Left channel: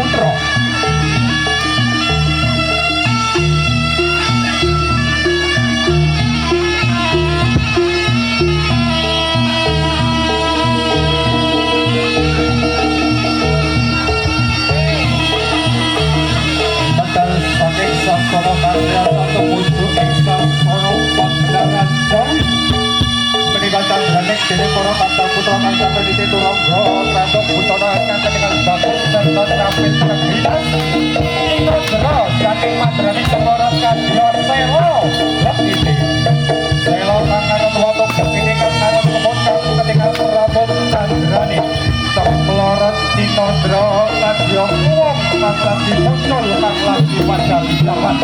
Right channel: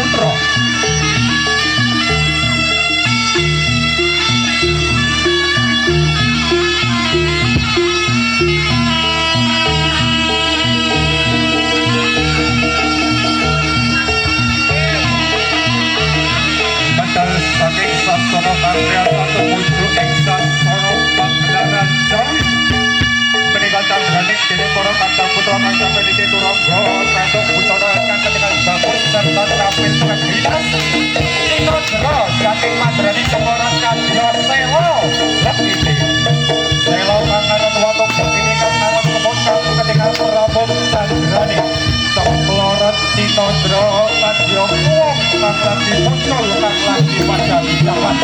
Putra. Medal saking Sasana Karya satu pucuk ing Sasana Pagelaran Jawi. Menika candraning dening para kadang putra kang sampe diturangga Pratok Busana kang ketingal bagus serta terampil terginas. Indra saking madraning Cemoro Kadya Sela Lekiti. Sela kang aran watuk begini kang aran kebon kang ketingal Prabowo candraning Cemlorot Cinandra Kadya Wong kang lagi muncul kang lagi padha jalan.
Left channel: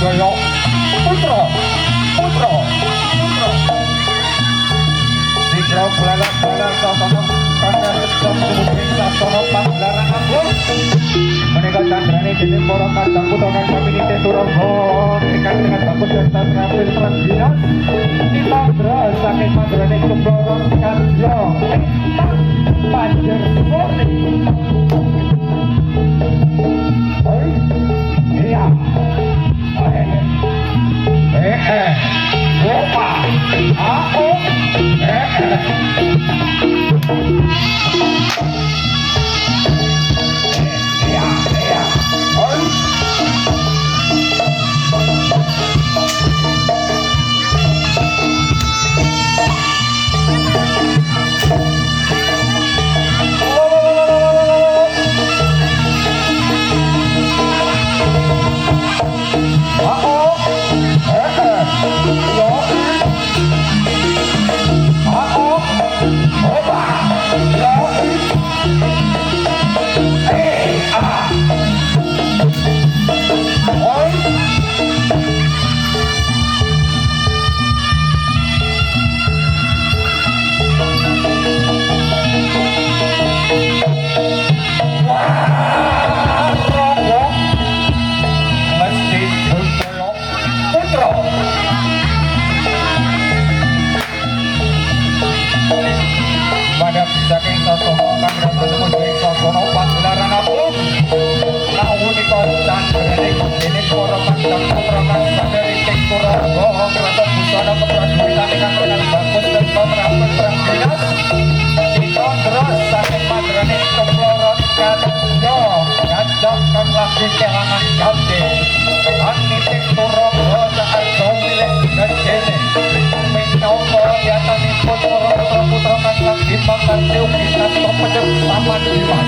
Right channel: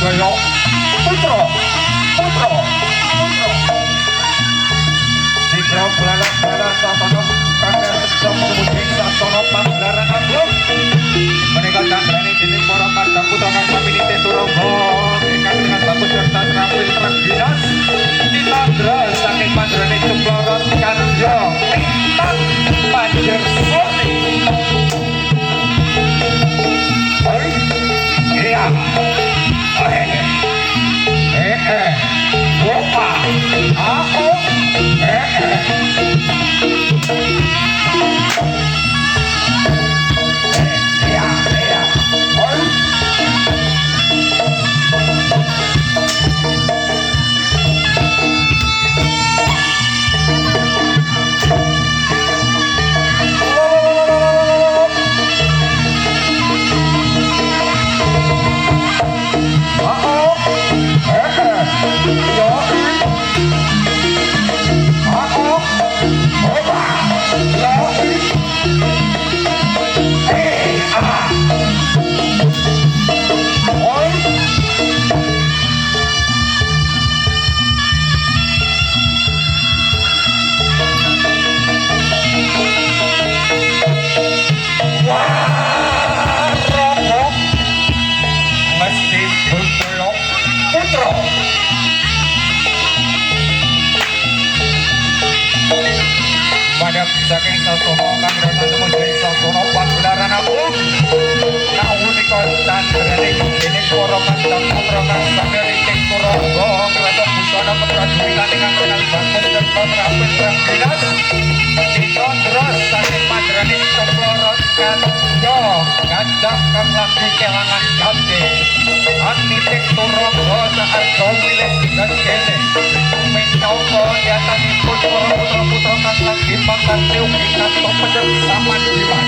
Jaya Putra Sigra balak-balak sasana kandha sedap kemudian sasana Pagelaran Agung menika candraning dening para kadang putra kang sami nitih turangga ingkang dengan bagus serta terampil terang dinas Cinandra saking madraning Cemlorot Kadya Lintang Panjersari. Iya. Opa, aku, saking sasana kang menjadi sasana Pagelaran Agung kaunika candraning dening para kadang putra kang saged nitih turangga Pratok Busana keprajuritan ingkang kenal bagus serta terampil terang jelas Cinandra saking madraning Cemlorot Kadya Gajah kang lagi kelangan jati kang nitih turangga saat milih gegene minangka yatanipun para putra-putra kang lagi pakarti ugi kantos pedet saman diman.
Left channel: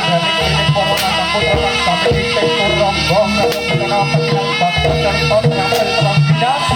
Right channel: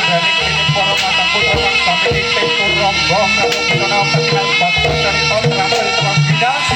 kandhane kene para matang putra kang sami ing turangga kang kita pengen batur serta terampil terang bidas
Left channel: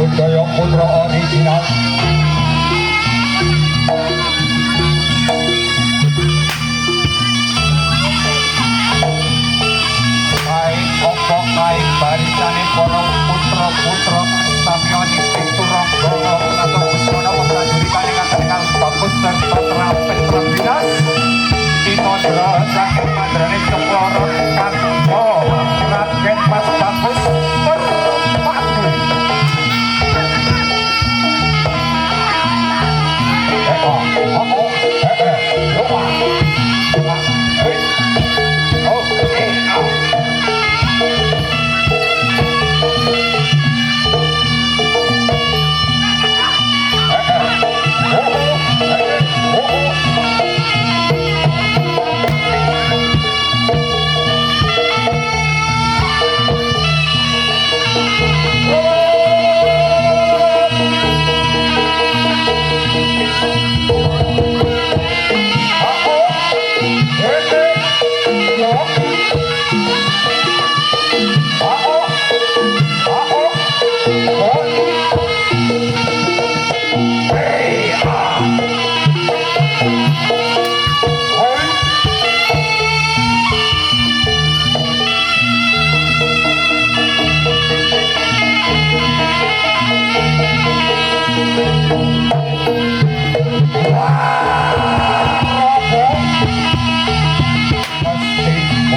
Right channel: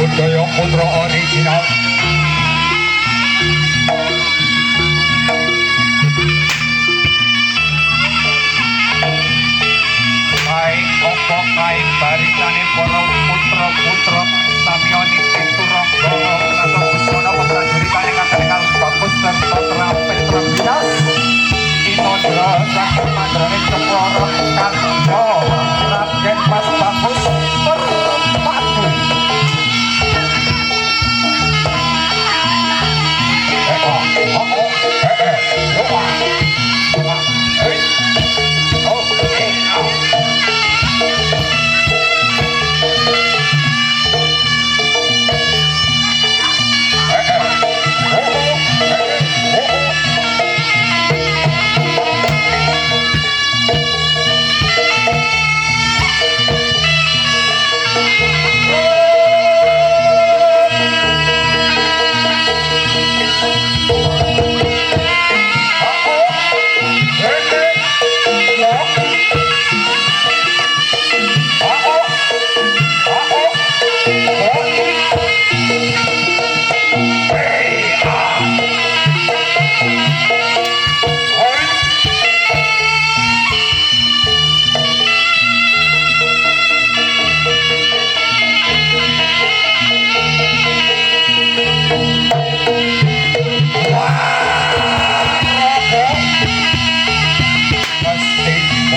budaya putra original baik opo kae barisane para putra-putra samyani piturangga atau busana prajuritane kang bagus serta terampil terbinas Inodra sang mandrane Cekloro Kanda Raden Mas Bagus Perpatu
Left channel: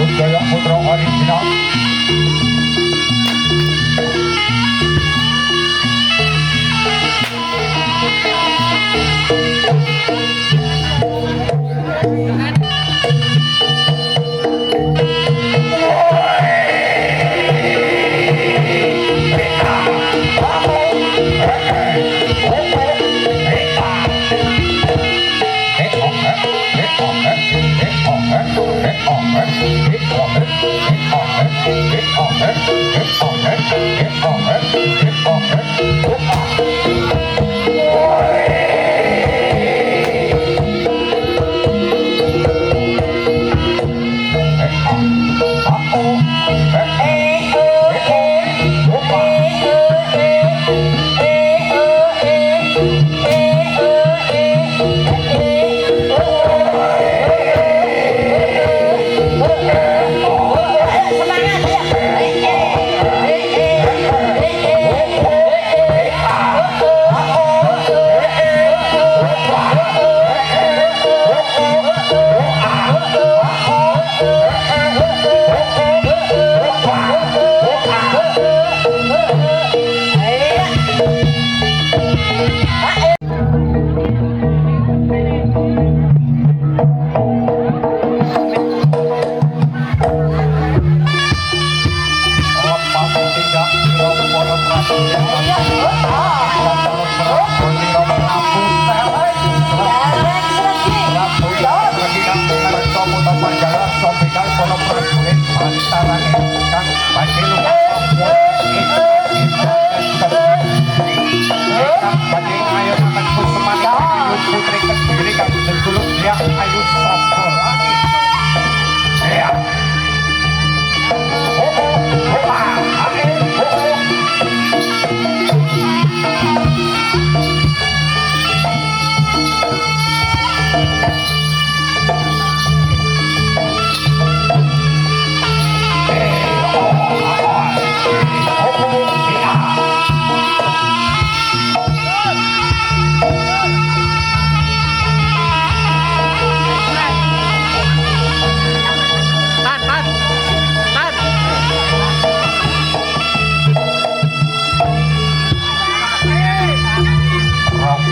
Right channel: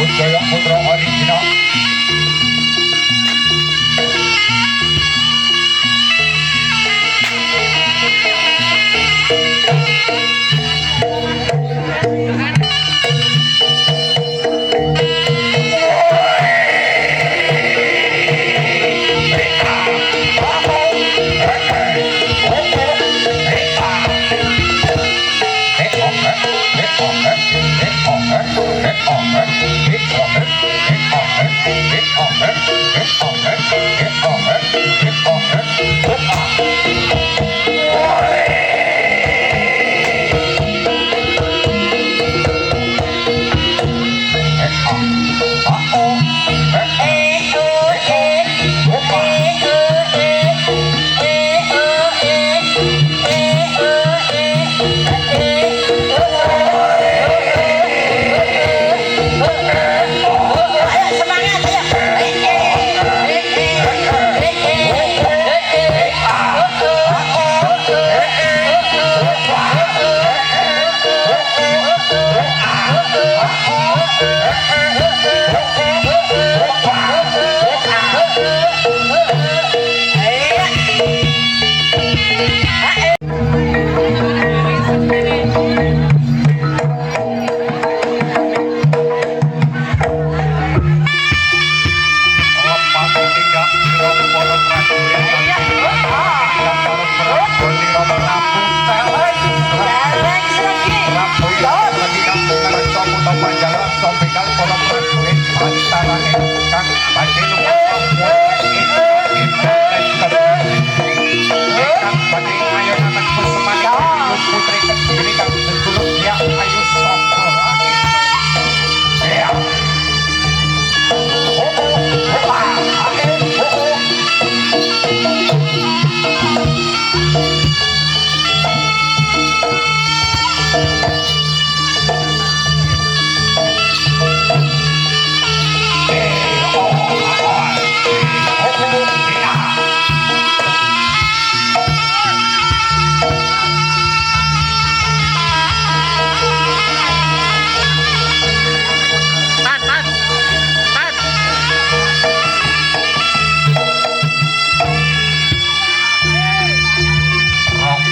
budaya putra original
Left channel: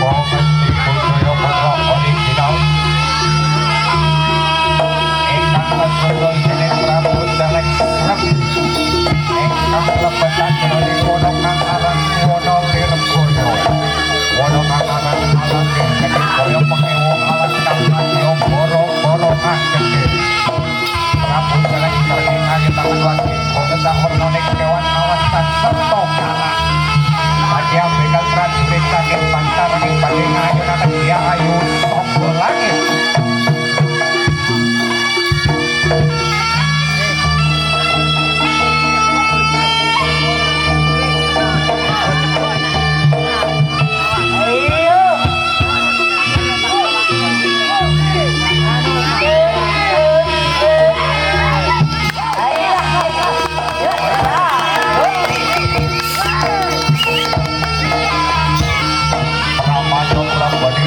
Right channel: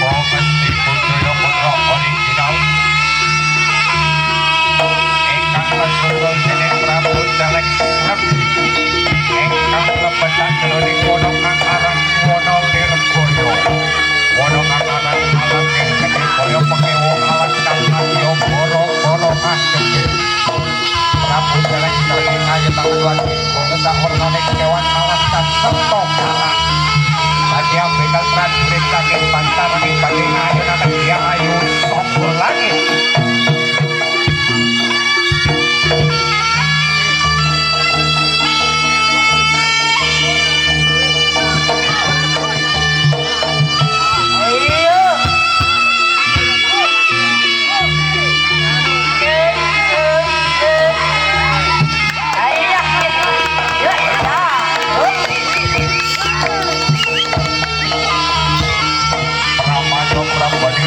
Mesti Budaya Putra original ingkang kasunggul dening Prabu Celek Srep ingkang lebetaken jroning wana kang aran Wana Lirboyo. Wana kang aran Alas Gede kaya pengewo alas kang kadya boro-boro ageng. Prabu Celek Srep ngayutaken wadi bangsa warnane kewan alas kang sarta kalah. Padya bekal prajurit saking Bantaranging badhe ngayunaken Dia Ayu saka langit.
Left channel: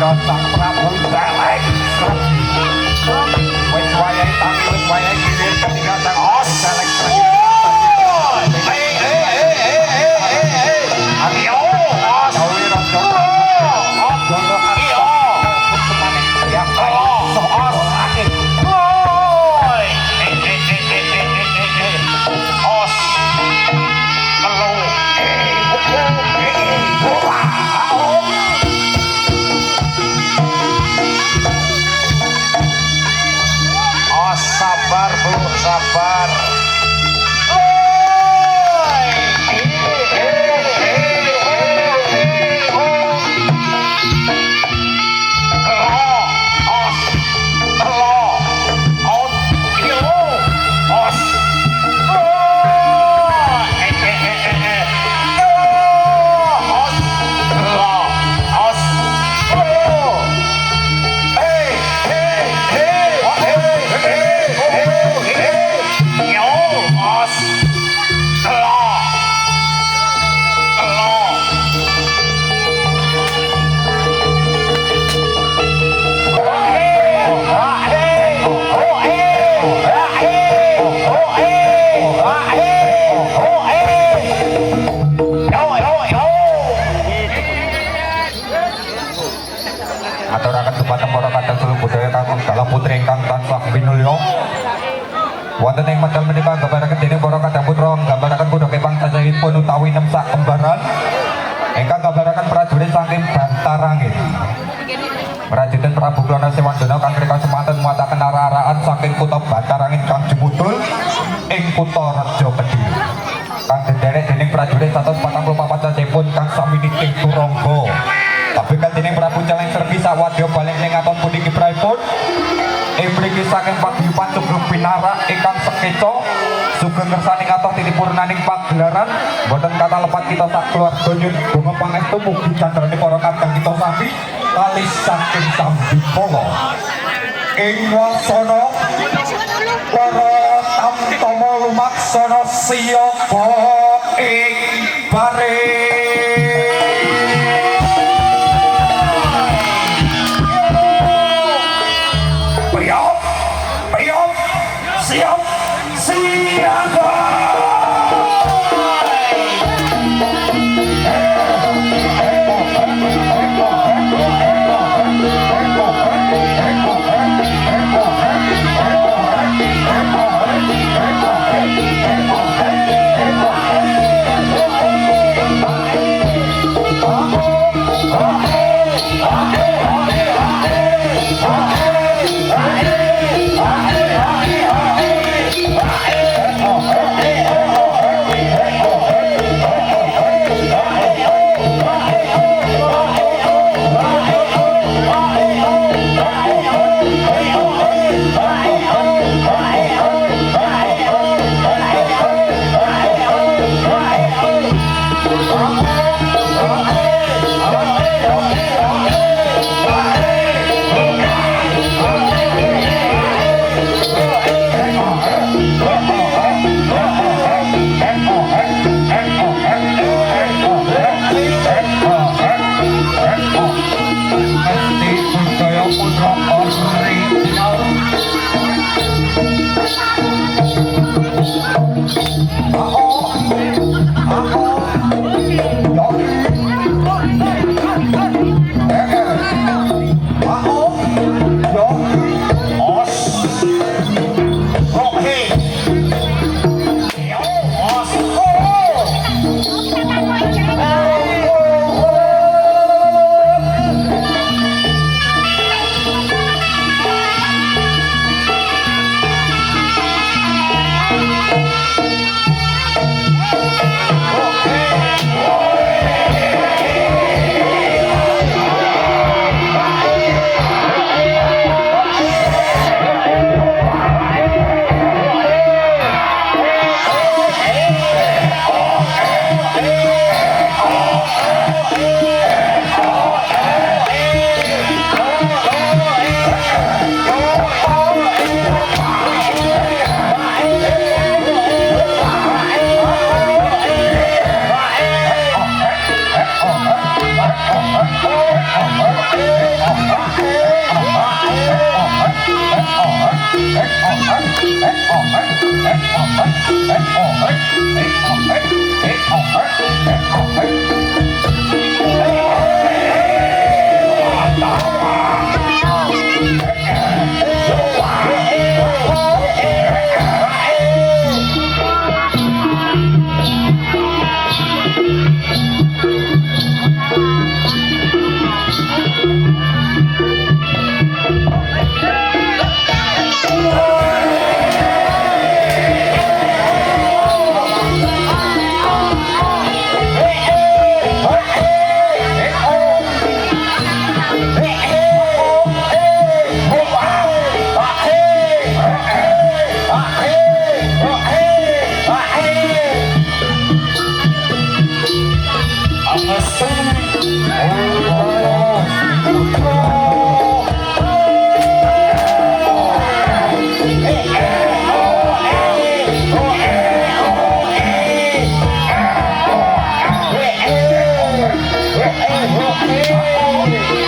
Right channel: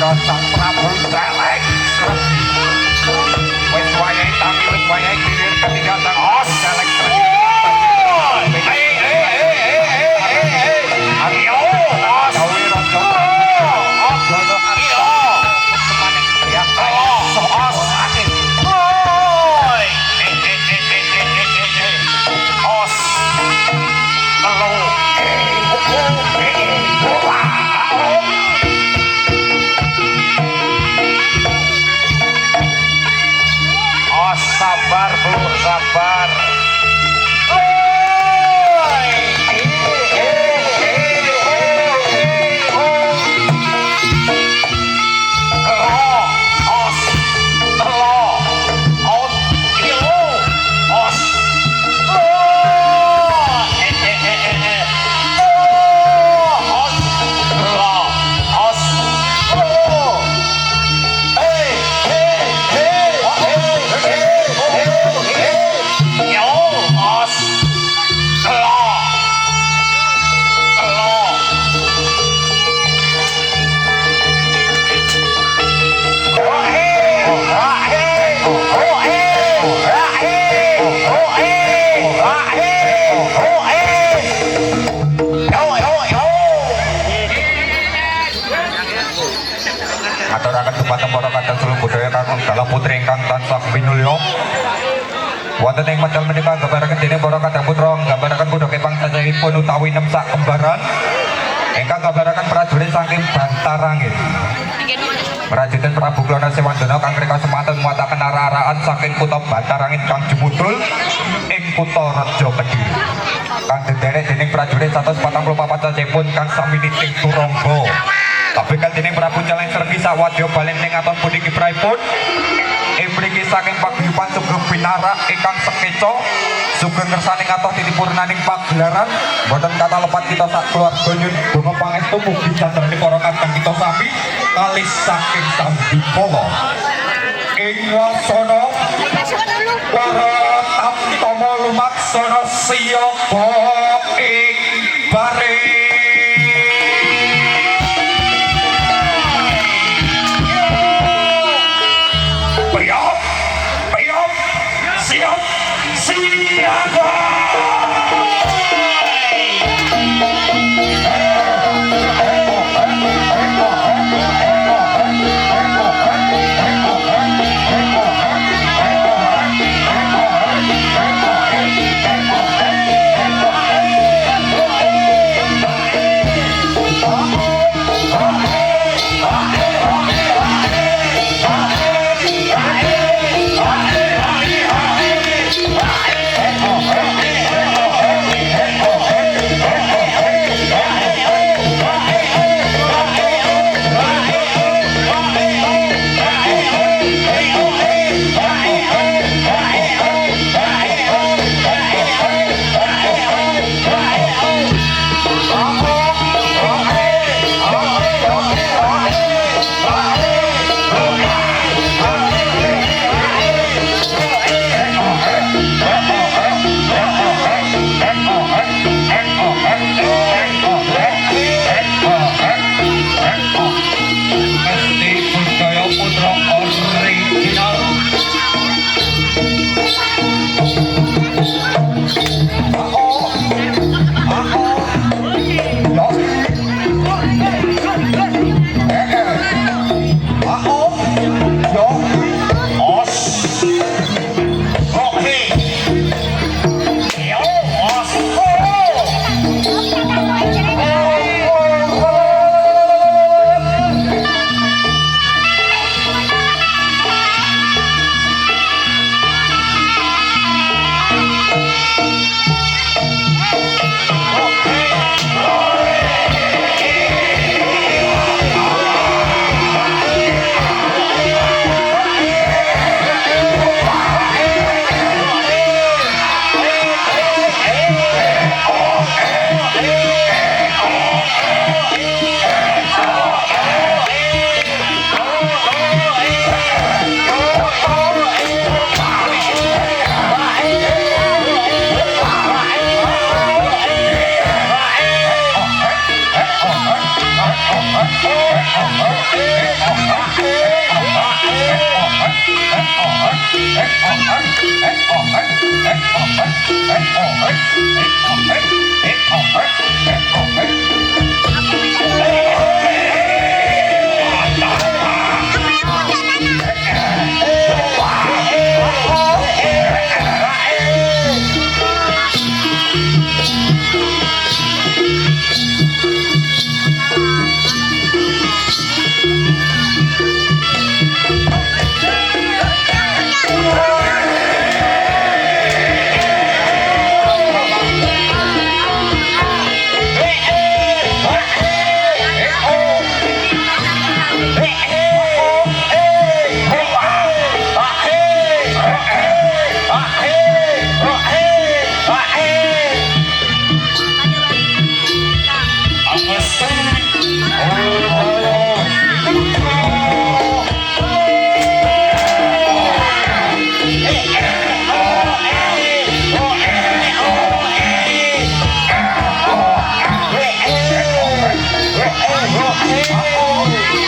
Sang Prabu Celek Srep wis wayahe tangi wis wayahe gilir ketiga sang Prabu Celek Srep. Ayo gawe raja Gono Arya semaning ya soal akeh os telu sabar Bu, sabar. Aturaken dumateng para kadang seluruh budaya kakung dalah putri ingkang tansah minulya. Wonten ing medal menika gambaraken dening para kadang putra nggambaraken kuda kepang cacahipun utawi 6 sak kembaran ingkang gambaraken prajurit saking Bantarangin. Prajurit Prabu Klana Sewandana kang rika semanten muataken ara-araan saking kutha Bantarangin kang jemudul ing kutha Raja Kediri. Kang dederek dening prajurit 144 cacahipun kang sami niting turangga. Kabekal dening Prabu Celek Srep sawadya balen ing aton pundi kiprahipun mriki saking paguyuban Sugeng Pinarak ingkang sekeca sugeng ngersaning atos tinipurnaning pagelaran boten kata lepat kita sak keluarga nyuwun donga pangestu mugi candraning para kadang kita sami kalih saking Sambikala ing wasana para tamtama lumaksana siyapa ing bare. Siap, siaga.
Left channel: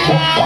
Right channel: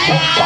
Thank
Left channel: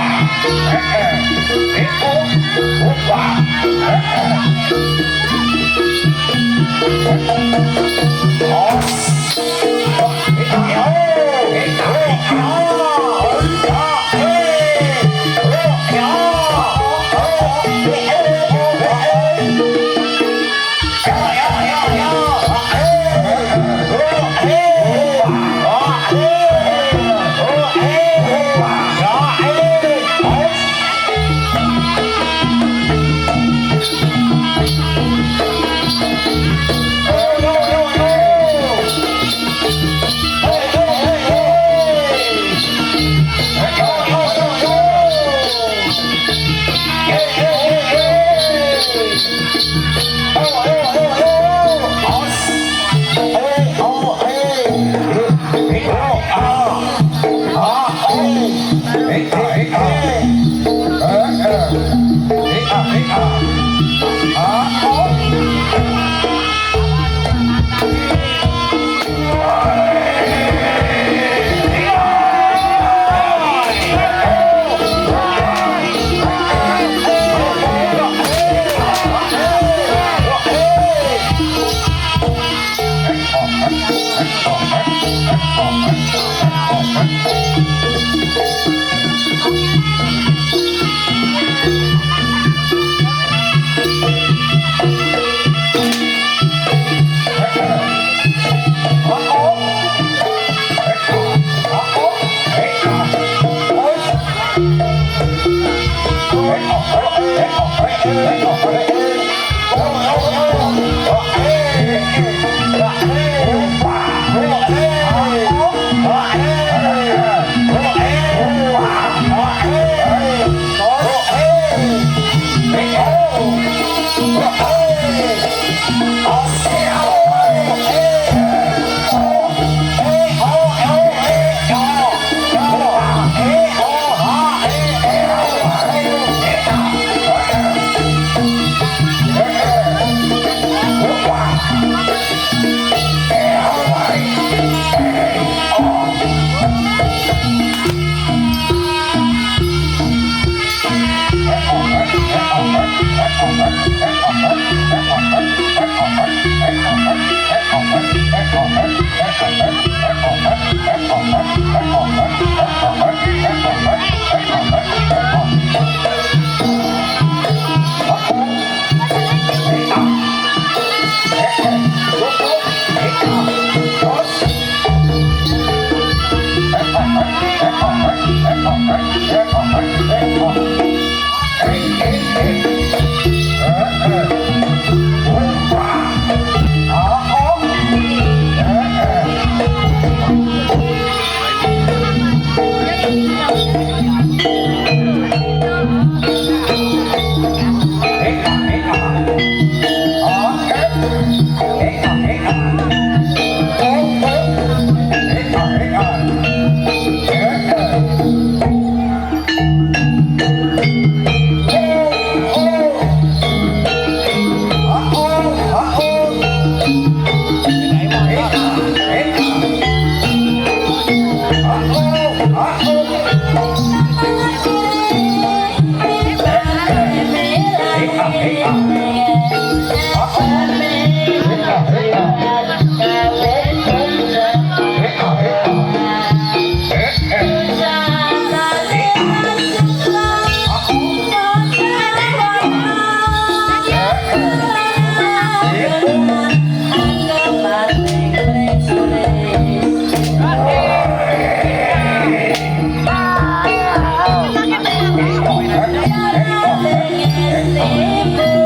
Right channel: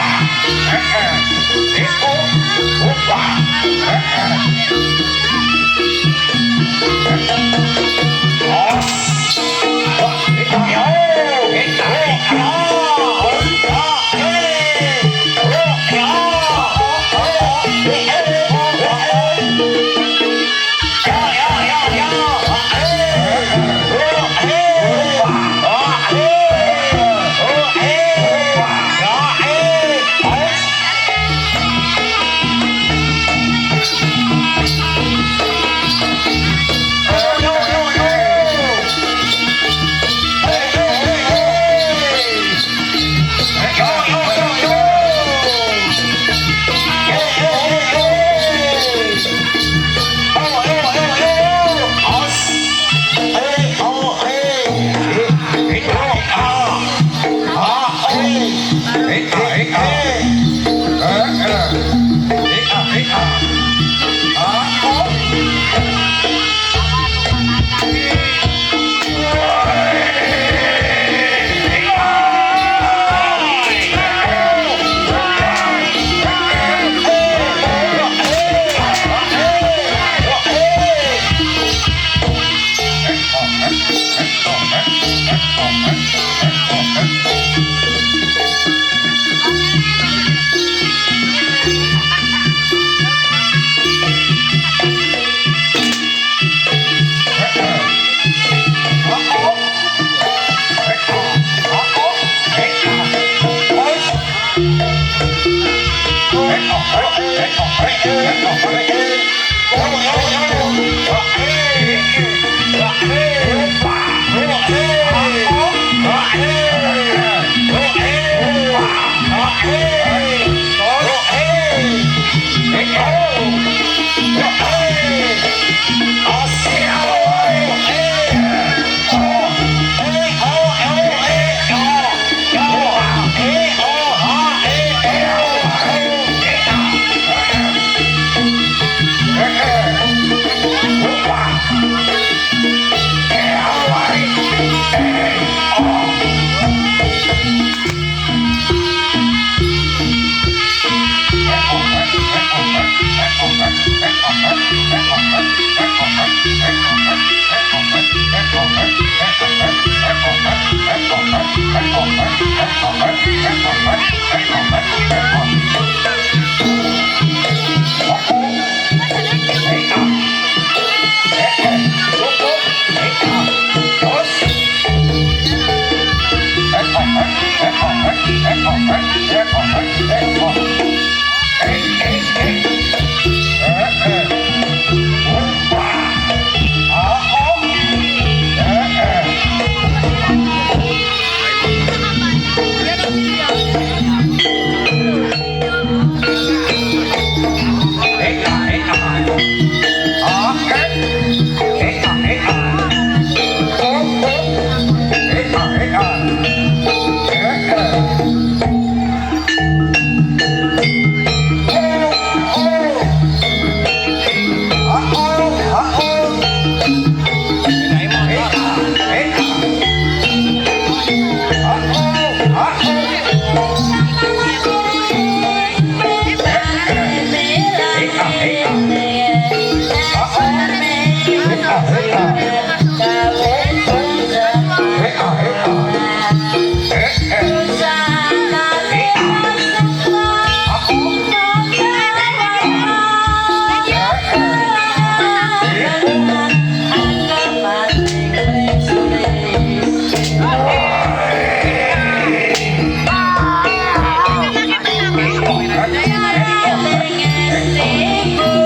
you.